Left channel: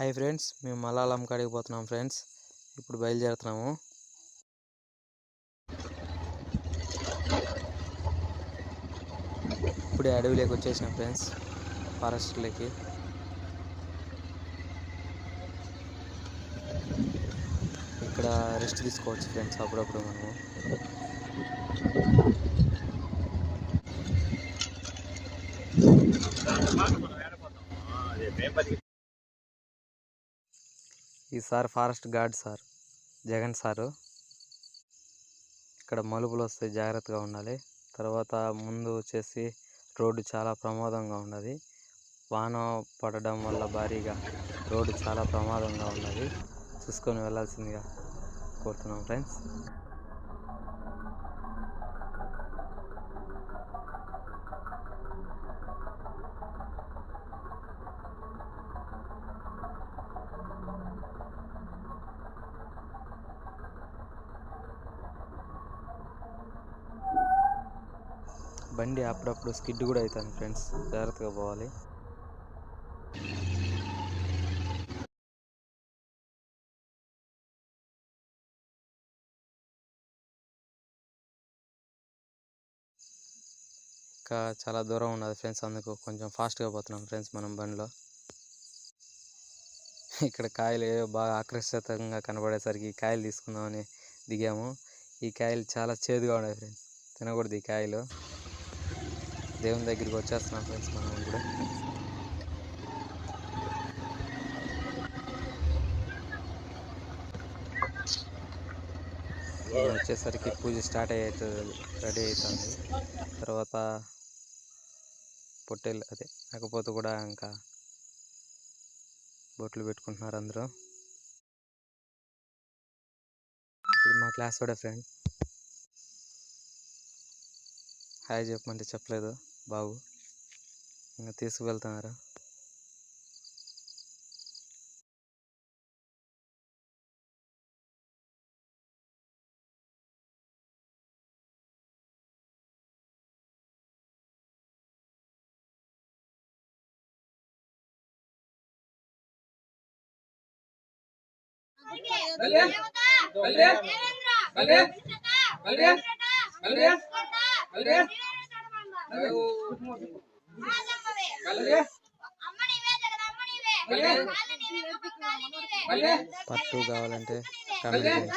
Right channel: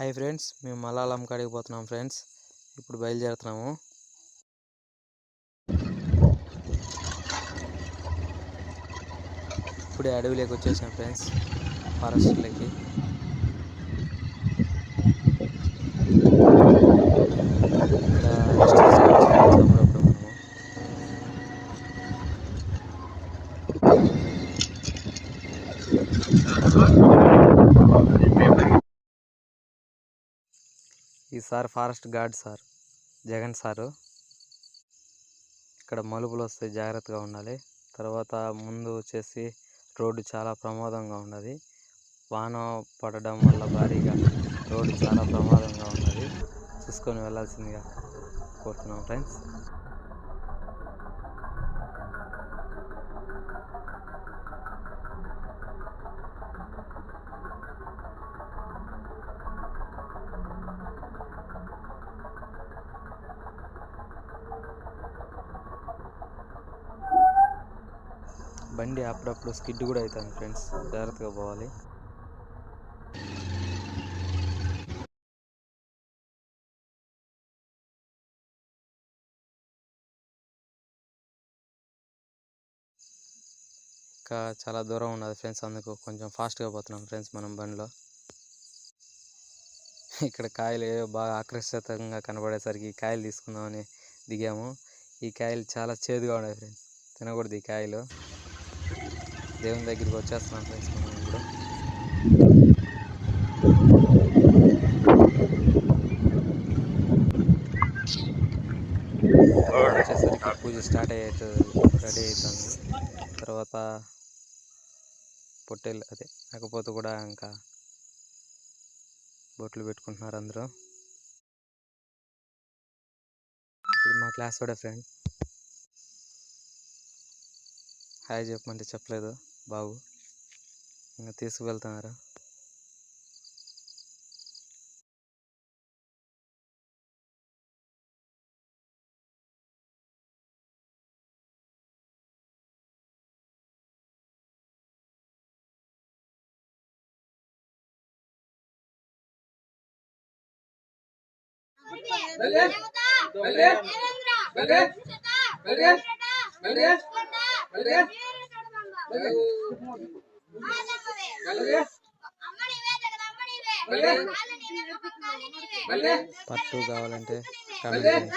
Hi friends, మేము మలాలం కాడికి పోతున్నాం ఫ్రెండ్స్. ఇప్పుడు బయలుదేరుతున్నాము. ఇప్పుడే అడవిలోకి వచ్చేసాం ఫ్రెండ్స్, ఫారెస్ట్లోకి. ఇక్కడ రెస్ట్ తీసుకోవచ్చు ఫ్రెండ్స్ అప్పుడప్పుడు మనము. ఈసారి forest gourd sir Jagan sir. ఇక్కడ మలుపులు వస్తాయి, జాగ్రత్తగా ఉండాలి. తర్వాత ముందు వచ్చేసి రోడ్డు చాలా ప్రమాదంగా ఉన్నది. వాన పడడం వల్ల భారీగా రోడ్డు చాలా ప్రమాదంగా ఉన్నది. చూసుకొని వెళ్ళాల్సిందిగా కోరుతున్నాం ఫ్రెండ్స్. బండి అప్పుడప్పుడు స్కిడ్ కూడా అవుతుంది ఫ్రెండ్స్, జాగ్రత్తగా పోవాలి. ఇంకా చాలా దూరం ఉన్నది ఫ్రెండ్స్, అందుకు కొంచెం ఫాస్ట్గా పోతున్నాం ఫ్రెండ్స్ మనం బండిలో. ఇక్కడ కాయలు బాగా ఆకర్షితంగా కనబడేసరికి కాయలు తీసుకుందామని దిగాము. ఈ కాయలు చాలా చేదుగా ఉన్నాయి ఫ్రెండ్స్, తినకూడదు ఈ కాయలు. దేవుని దగ్గరికి వచ్చేస్తున్నాం ఫ్రెండ్స్ మనం ఇప్పుడు. వచ్చేసరికి పూజ స్టార్ట్ రెడీ అవుతుంది. తర్వాత పొట్టేలు అదే లేకపోతే కూడా ఇంకా బొట్లు పెట్టుకుంటున్నారు అందరూ. ఇది మా క్లాస్ కూడా ఫ్రెండ్. హాయ్ చెప్పమంటే చెప్పలేదు బాబు, ఇంకా తీసుకువెళ్తున్నారు. పట్టు కావాలంటే కామెంట్ చేయండి.